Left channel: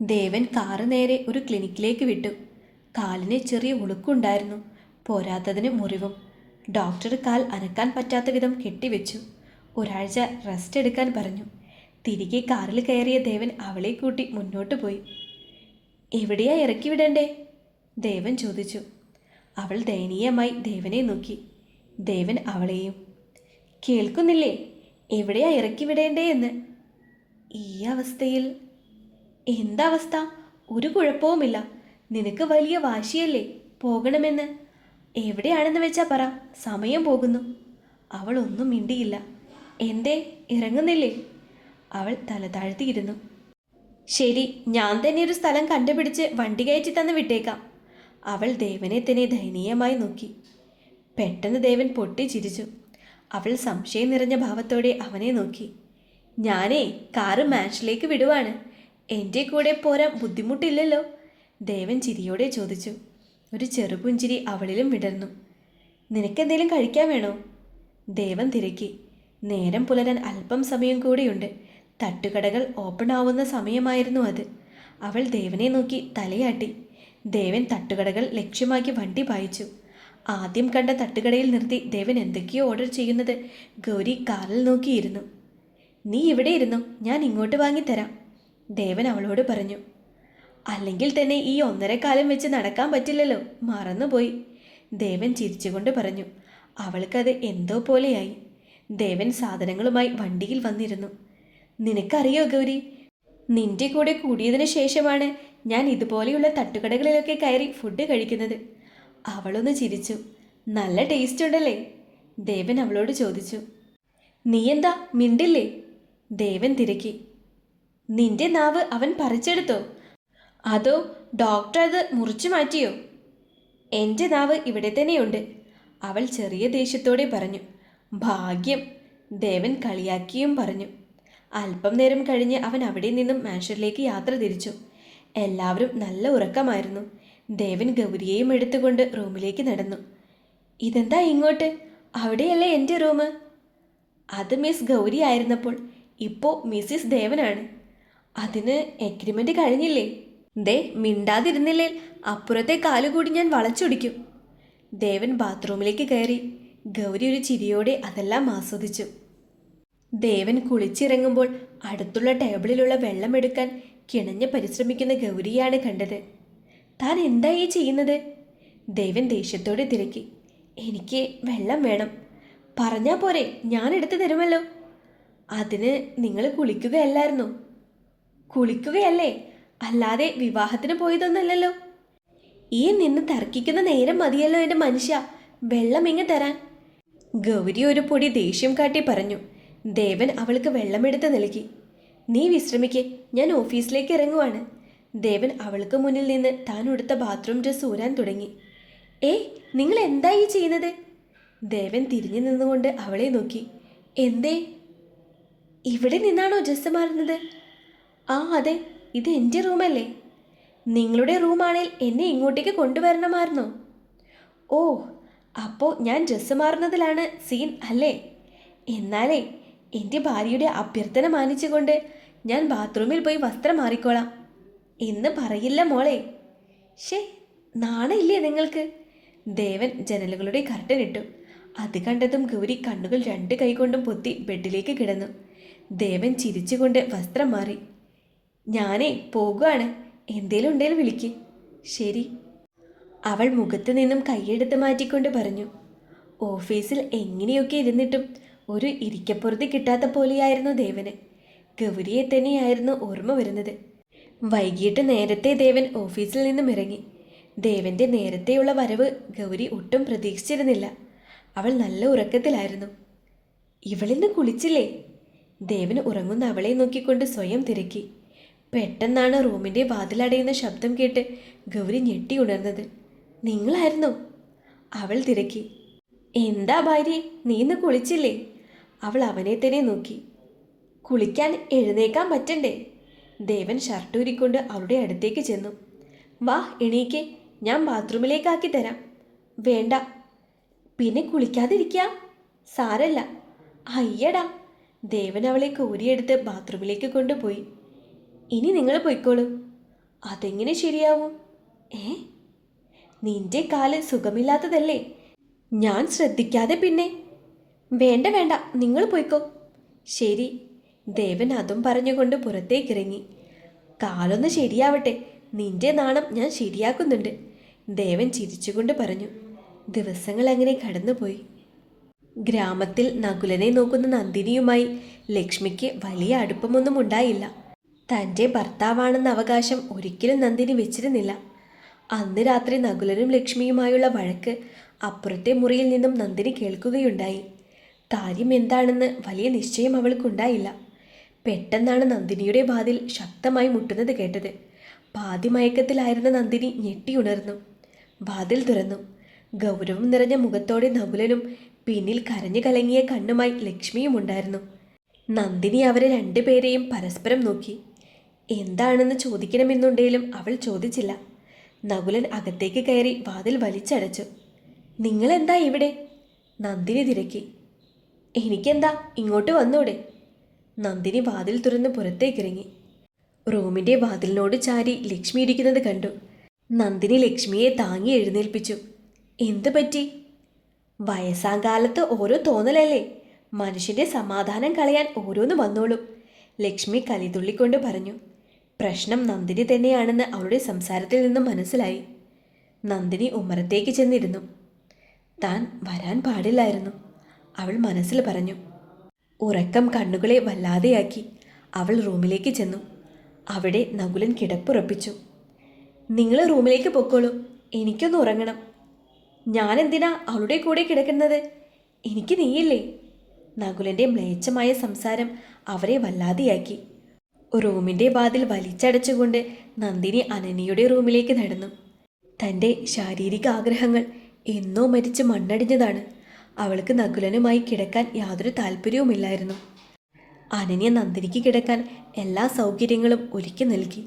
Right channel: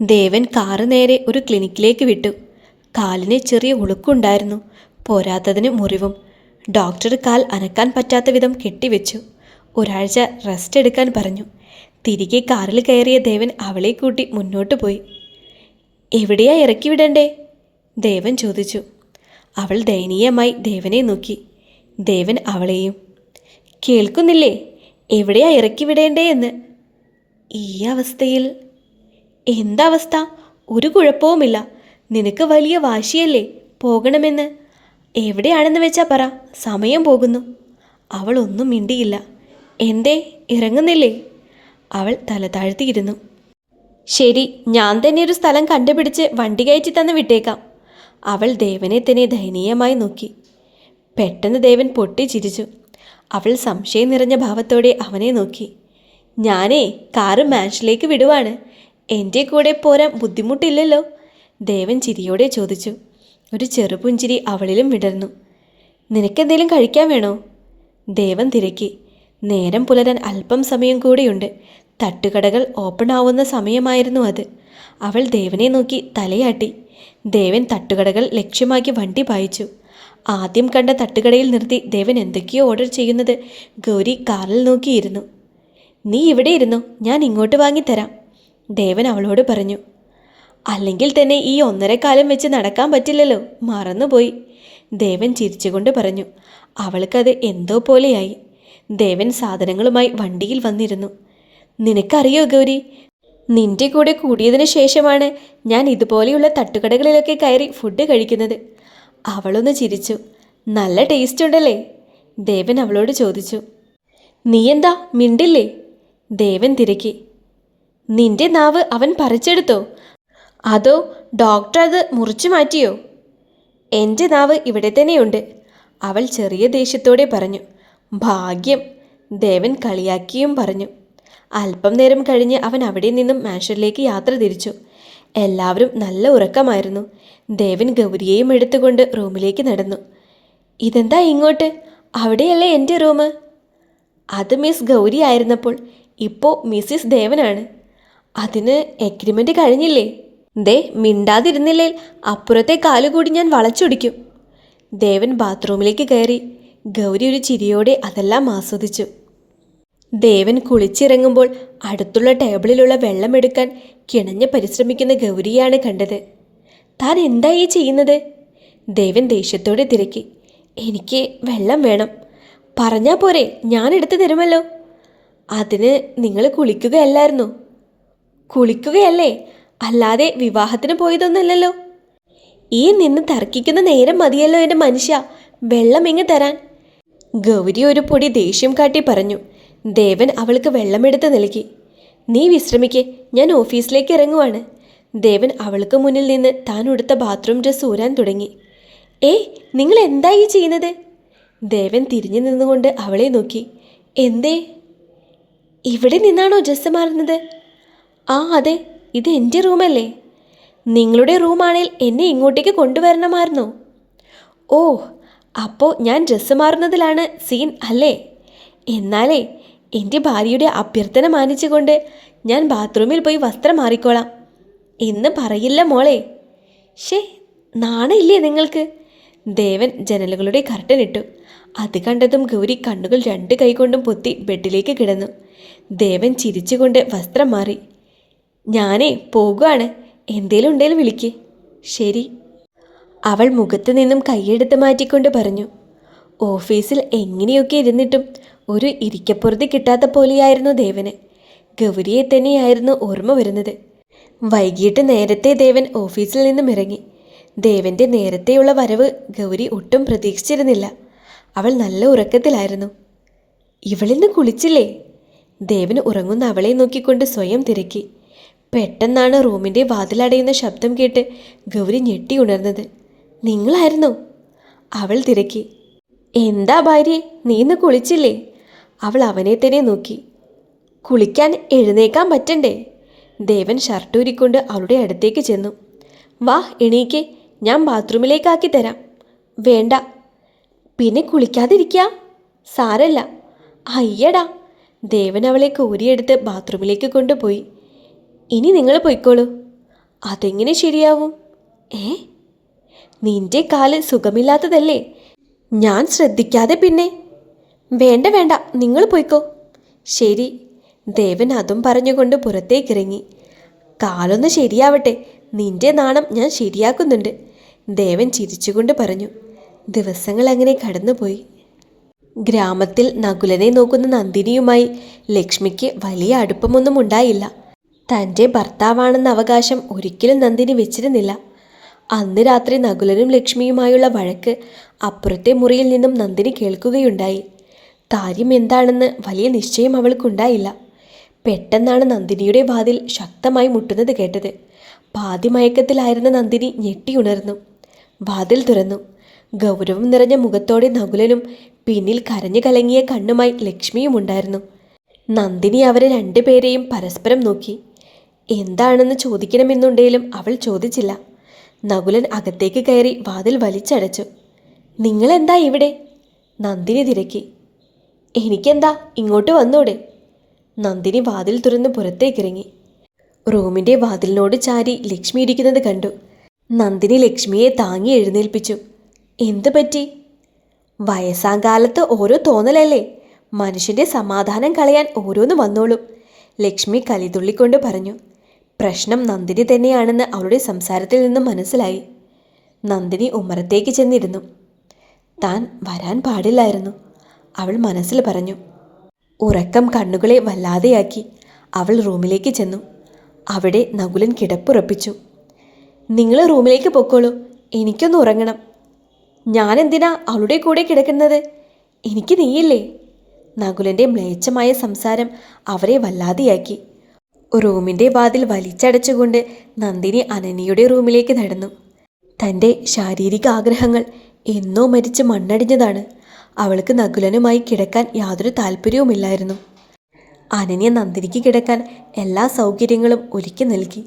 ദേവൻ car നേരെ ഒരു ക്ലിനിക്കിലേക്ക് വിട്ടു. കാലിന് ചെറിയ ഉളുക്കുണ്ടായിരുന്നു. പോരാത്തതിന് മുറിവും. ഡോക്ടർ കാൽ അനക്കാൻ പറ്റാത്ത വിധം കെട്ടിവെച്ചു. ഒരാഴ്ച റെസ്റ്റ് എടുക്കാൻ പറഞ്ഞു. തിരികെ കാറിൽ കയറിയ ദേവൻ അവളെ കൂട്ടി മുന്നോട്ട് പോയി. എവിടെയാ ഇറക്കി വിടണ്ടേ? ദേവൻ ചോദിച്ചു. അവൾ ദയനീയമായി ദേവനെ നോക്കി. ദേവൻ അവളെയും. കേൾക്കുന്നില്ലേ? എവിടെയാ ഇറക്കി വിടേണ്ടേ എന്ന്. ഈ അവസ്ഥയിൽ. എന്താവസ്ഥ? ഒരു കുഴപ്പവുമില്ല. നിനക്ക് വലിയ വാശിയല്ലേ പോകണമെന്ന്. എവിടെയാണെന്ന് വെച്ചാ പറ, സമയം പോകുന്നു. അവൾ ഒന്നും മിണ്ടിയില്ല. എന്തേ, ഇറങ്ങുന്നില്ലേ? അവൾ തല താഴ്ത്തിയിരുന്നു. ശരി, ഞാൻ തന്നെ ഒരു സ്ഥലം കണ്ടുപിടിച്ച് വണ്ടി കയറ്റി തന്ന് വിട്ടേക്കാം. അവൾ ദേവനെ തന്നെ ദയനീയമായി നോക്കി. പെട്ടെന്ന് ദേവൻ പൊട്ടിച്ചിരിച്ചു. അവൾ സംശയം നിറഞ്ഞ ഭാവത്തോടെ അവനെ നോക്കി. ഞാനേ കാറ് മാൻഷനിലേക്ക് വിടുവാണ്. എൻ്റെ കൂടെ പോരാൻ ബുദ്ധിമുട്ടില്ലല്ലോ? ദേവൻ ചിരിയോടെ ചോദിച്ചു. ഒരു ചെറുപുഞ്ചിരി അവളിലും വിടർന്നു. നിനക്കെന്തേലും കഴിക്കാൻ വേണോ? ദേവൻ തിരക്കി. നേരം പുലരാൻ അല്പം സമയം കൂടിയുണ്ട്. തട്ടുകടകൾ ഓപ്പൺ ആവുന്ന സമയമായിരുന്നു അത്. അവൾ ദേവനെ നോക്കി തലയാട്ടി. ദേവൻ തട്ടുകടകൾ ലക്ഷ്യമാക്കി വണ്ടി പായിച്ചു. ആദ്യം കണ്ട തട്ടുകടയിൽ നിർത്തി ദേവൻ എന്തൊക്കെയോ ഓർഡർ ചെയ്യുന്നത് ഗൗരി കാറിൽ നോക്കിയിരുന്നു. നീ ഇവിടെ ഇരുന്നോ, ഞാൻ ഇങ്ങോട്ട് വാങ്ങിത്തരാം, ദേവൻ അവളോട് പറഞ്ഞു. അല്ലെങ്കിൽ തന്നെ ഈ 1.5 കാലം വെച്ച് നടക്കാൻ പറ്റില്ലല്ലോ, മറന്നുപോയി, ദേവൻ ചിരിച്ചുകൊണ്ട് പറഞ്ഞു. അവൾക്കത് എന്തോ പോലെയായി. ദേവൻ സാധനങ്ങളുമായി വണ്ടിയിൽ വന്നിരുന്നു. നിനക്കറിയോ ഗൗരി, നിന്റെ കൂടെ കൂടിയതിന് ശേഷമാണ് ഞാൻ ഇതുപോലെയുള്ള തട്ടുകടകളിലൊക്കെ കയറി ഫുഡ് കഴിക്കുന്നത്. അവളൊന്ന് ചിരിച്ചു. നല്ല ടേസ്റ്റ് ഉണ്ടല്ലേ? ദേവൻ അവളോട് ചോദിച്ചു. നീ എന്താ മിണ്ടില്ലേ? ദേവൻ തിരക്കി. നിന്റെ നാവ് അവൻ പറിച്ചെടുത്തോ, അതോ ഡോക്ടർ അത് മുറിച്ചു മാറ്റിയോ? എൻ്റെ നാവ് ഇവിടെ തന്നെയുണ്ട്, അവൾ ചെറിയ ദേഷ്യത്തോടെ പറഞ്ഞു. ഭാഗ്യം, ദേവൻ കളിയാക്കിയും പറഞ്ഞു. അല്പം നേരം കഴിഞ്ഞ് അവൻ അവിടെ നിന്നും മാൻഷനിലേക്ക് യാത്ര തിരിച്ചു. എല്ലാവരും നല്ല ഉറക്കമായിരുന്നു. ദേവൻ ഗൗരിയെയും എടുത്തുകൊണ്ട് റൂമിലേക്ക് നടന്നു. ഇതെന്താ ഇങ്ങോട്ട്? അവിടെയല്ലേ എൻ്റെ റൂം? അത് മിസ് ഗൗരി ആയിരുന്നപ്പോൾ, ഇപ്പോൾ മിസ്സിസ് ദേവനാണ്. അതിന് എഗ്രിമെൻ്റ് കഴിഞ്ഞില്ലേ? ദേ, മിണ്ടാതിരുന്നില്ലേ അപ്പുറത്തെ കാലുകൂടി ഞാൻ വളച്ചൊടിക്കും. ദേവൻ ബാത്റൂമിലേക്ക് കയറി. ഗൗരി ഒരു ചിരിയോടെ അതെല്ലാം ആസ്വദിച്ചു. ദേവൻ കുളിച്ചിറങ്ങുമ്പോൾ അടുത്തുള്ള ടേബിളിലുള്ള വെള്ളമെടുക്കാൻ കിണഞ്ഞ് പരിശ്രമിക്കുന്ന ഗൗരിയാണ് കണ്ടത്. താൻ എന്തായി ചെയ്യുന്നത്? ദേവൻ ദേഷ്യത്തോടെ തിരക്കി. എനിക്ക് വെള്ളം വേണം. പറഞ്ഞാൽ പോരെ, ഞാൻ എടുത്തു തരുമല്ലോ. അതിന് നിങ്ങൾ കുളിക്കുകയല്ലായിരുന്നോ? കുളിക്കുകയല്ലേ, അല്ലാതെ വിവാഹത്തിന് പോയതൊന്നുമല്ലല്ലോ. ഈ നിന്ന് തർക്കിക്കുന്ന നേരം മതിയല്ലോ എൻ്റെ മനുഷ്യ, വെള്ളം ഇങ്ങ് തരാൻ. ഗൗരി ഒരു പൊടി ദേഷ്യം കാട്ടി പറഞ്ഞു. ദേവൻ അവൾക്ക് വെള്ളമെടുത്ത് നൽകി. നീ വിശ്രമിക്കേ, ഞാൻ ഓഫീസിലേക്ക് ഇറങ്ങുവാണ്. ദേവൻ അവൾക്ക് മുന്നിൽ നിന്ന് താൻ ഉടുത്ത ബാത്റൂം ഡ്രസ്സ് ഊരാൻ തുടങ്ങി. നിങ്ങൾ എന്തായി ചെയ്യുന്നത്? ദേവൻ തിരിഞ്ഞു നിന്നുകൊണ്ട് അവളെ നോക്കി. എന്തേ? ഇവിടെ നിന്നാണോ ഡ്രസ്സ് മാറുന്നത്? ആ അതെ, ഇത് എൻ്റെ റൂമല്ലേ. നിങ്ങളുടെ റൂമാണെങ്കിൽ എന്നെ ഇങ്ങോട്ടേക്ക് കൊണ്ടുവരണമായിരുന്നോ? ഓ, അപ്പോൾ ഞാൻ ഡ്രസ്സ് മാറുന്നതിലാണ് സീൻ അല്ലേ? എന്നാലേ എൻ്റെ ഭാര്യയുടെ അഭ്യർത്ഥന മാനിച്ചുകൊണ്ട് ഞാൻ ബാത്റൂമിൽ പോയി വസ്ത്രം മാറിക്കോളാം എന്ന് പറയില്ല മോളെ. ഷേ, നാണയില്ലേ നിങ്ങൾക്ക്? ദേവൻ ജനലുകളുടെ കർട്ടനിട്ടു. അത് കണ്ടതും ഗൗരി കണ്ണുകൾ 2 കൈകൊണ്ടും പൊത്തി ബെഡിലേക്ക് കിടന്നു. ദേവൻ ചിരിച്ചുകൊണ്ട് വസ്ത്രം മാറി. ഞാനേ പോകുകയാണ്, എന്തേലും ഉണ്ടേലും വിളിക്ക്. ശരി, അവൾ മുഖത്ത് നിന്നും കൈയെടുത്ത് മാറ്റിക്കൊണ്ട് പറഞ്ഞു. ഓഫീസിൽ എങ്ങനെയൊക്കെ ഇരുന്നിട്ടും ഒരു ഇരിക്കപ്പുറത്ത് കിട്ടാത്ത പോലെയായിരുന്നു ദേവന്. ഗൗരിയെ തന്നെയായിരുന്നു ഓർമ്മ വരുന്നത്. വൈകിട്ട് നേരത്തെ ദേവൻ ഓഫീസിൽ നിന്നും ഇറങ്ങി. ദേവൻ്റെ നേരത്തെയുള്ള വരവ് ഗൗരി ഒട്ടും പ്രതീക്ഷിച്ചിരുന്നില്ല. അവൾ നല്ല ഉറക്കത്തിലായിരുന്നു. ഇവളിന്ന് കുളിച്ചില്ലേ? ദേവൻ ഉറങ്ങുന്ന അവളെ നോക്കിക്കൊണ്ട് സ്വയം തിരക്കി. പെട്ടെന്നാണ് റൂമിൻ്റെ വാതിലടയുന്ന ശബ്ദം കേട്ട് ഗൗരി ഞെട്ടി ഉണർന്നത്. നിങ്ങളായിരുന്നോ? അവൾ തിരക്കി. എന്താ ഭാര്യ, നീ ഇന്ന് കുളിച്ചില്ലേ? അവൾ അവനെ തന്നെ നോക്കി. കുളിക്കാൻ എഴുന്നേക്കാൻ പറ്റണ്ടേ? ദേവൻ ഷർട്ടൂരിക്കൊണ്ട് അവളുടെ അടുത്തേക്ക് ചെന്നു. വാ എണീക്ക്, ഞാൻ ബാത്റൂമിലേക്കാക്കി തരാം. വേണ്ട. പിന്നെ കുളിക്കാതിരിക്കാം? സാരല്ല. അയ്യടാ. ദേവൻ അവളെ കോരിയെടുത്ത് ബാത്റൂമിലേക്ക് കൊണ്ടുപോയി. ഇനി നിങ്ങൾ പൊയ്ക്കോളൂ. അതെങ്ങനെ ശരിയാവും? ഏ, നിന്റെ കാല് സുഖമില്ലാത്തതല്ലേ? ഞാൻ ശ്രദ്ധിക്കാതെ പിന്നെ. വേണ്ട വേണ്ട, നിങ്ങൾ പോയിക്കോ. ശരി. ദേവൻ അതും പറഞ്ഞുകൊണ്ട് പുറത്തേക്കിറങ്ങി. കാലൊന്ന് ശരിയാവട്ടെ, നിന്റെ നാണം ഞാൻ ശരിയാക്കുന്നുണ്ട്, ദേവൻ ചിരിച്ചുകൊണ്ട് പറഞ്ഞു. ദിവസങ്ങൾ അങ്ങനെ കടന്നുപോയി. ഗ്രാമത്തിൽ നകുലനെ നോക്കുന്ന നന്ദിനിയുമായി ലക്ഷ്മിക്ക് വലിയ അടുപ്പമൊന്നും ഉണ്ടായില്ല. തൻ്റെ ഭർത്താവാണെന്ന അവകാശം ഒരിക്കലും നന്ദിനി വെച്ചിരുന്നില്ല. അന്ന് രാത്രി നകുലനും ലക്ഷ്മിയുമായുള്ള വഴക്ക് അപ്പുറത്തെ മുറിയിൽ നിന്നും നന്ദിനി കേൾക്കുകയുണ്ടായി. കാര്യം എന്താണെന്ന് വലിയ നിശ്ചയം അവൾക്കുണ്ടായില്ല. പെട്ടെന്നാണ് നന്ദിനിയുടെ വാതിൽ ശക്തമായി മുട്ടുന്നത് കേട്ടത്. പാതിമയക്കത്തിലായിരുന്ന നന്ദിനി ഞെട്ടിയുണർന്നു. വാതിൽ തുറന്നു. ഗൗരവം നിറഞ്ഞ മുഖത്തോടെ നകുലനും പിന്നിൽ കരഞ്ഞു കലങ്ങിയ കണ്ണുമായി ലക്ഷ്മിയും ഉണ്ടായിരുന്നു. നന്ദിനി അവരെ രണ്ടുപേരെയും പരസ്പരം നോക്കി. എന്താണെന്ന് ചോദിക്കണമെന്നുണ്ടെങ്കിലും അവൾ ചോദിച്ചില്ല. നകുലൻ അകത്തേക്ക് കയറി വാതിൽ വലിച്ചടച്ചു. നിങ്ങളെന്താ ഇവിടെ? നന്ദിനി തിരക്കി. എനിക്കെന്താ, ഇങ്ങോട്ട് വന്നൂടെ? നന്ദിനി വാതിൽ തുറന്ന് പുറത്തേക്കിറങ്ങി. റൂമിൻ്റെ വാതിലിനോട് ചാരി ലക്ഷ്മി ഇരിക്കുന്നത് കണ്ടു. നന്ദിനി ലക്ഷ്മിയെ താങ്ങി എഴുന്നേൽപ്പിച്ചു. എന്തു പറ്റി? വയസ്സാങ്കാലത്ത് ഓരോ തോന്നലല്ലേ, മനുഷ്യൻ്റെ സമാധാനം കളയാൻ ഓരോന്ന് വന്നോളും, ലക്ഷ്മി കലിതുള്ളിക്കൊണ്ട് പറഞ്ഞു. പ്രശ്നം നന്ദിനി തന്നെയാണെന്ന് അവളുടെ സംസാരത്തിൽ നിന്നും മനസ്സിലായി. നന്ദിനി ഉമ്മറത്തേക്ക് ചെന്നിരുന്നു. താൻ വരാൻ പാടില്ലായിരുന്നു, അവൾ മനസ്സിൽ പറഞ്ഞു. ഉറക്കം കണ്ണുകളെ വല്ലാതെയാക്കി. അവൾ റൂമിലേക്ക് ചെന്നു. അവിടെ നകുലൻ കിടപ്പുറപ്പിച്ചു. നിങ്ങൾ റൂമിലേക്ക് പൊക്കോളൂ, എനിക്കൊന്ന് ഉറങ്ങണം. ഞാനെന്തിനാ അവളുടെ കൂടെ കിടക്കുന്നത്? എനിക്ക് നീയില്ലേ? നകുലൻ്റെ മ്ലേച്ഛമായ സംസാരം അവരെ വല്ലാതെയാക്കി. റൂമിൻ്റെ വാതിൽ വലിച്ചടച്ചുകൊണ്ട് നന്ദിനി അനന്യയുടെ റൂമിലേക്ക് നടന്നു. തൻ്റെ ശാരീരിക ആഗ്രഹങ്ങൾ എന്നോ മരിച്ച് മണ്ണടിഞ്ഞതാണ്. അവൾക്ക് നകുലനുമായി കിടക്കാൻ യാതൊരു താല്പര്യവുമില്ലായിരുന്നു. അനന്യ നന്ദിനിക്ക് കിടക്കാൻ എല്ലാ സൗകര്യങ്ങളും ഒരുക്കി നൽകി.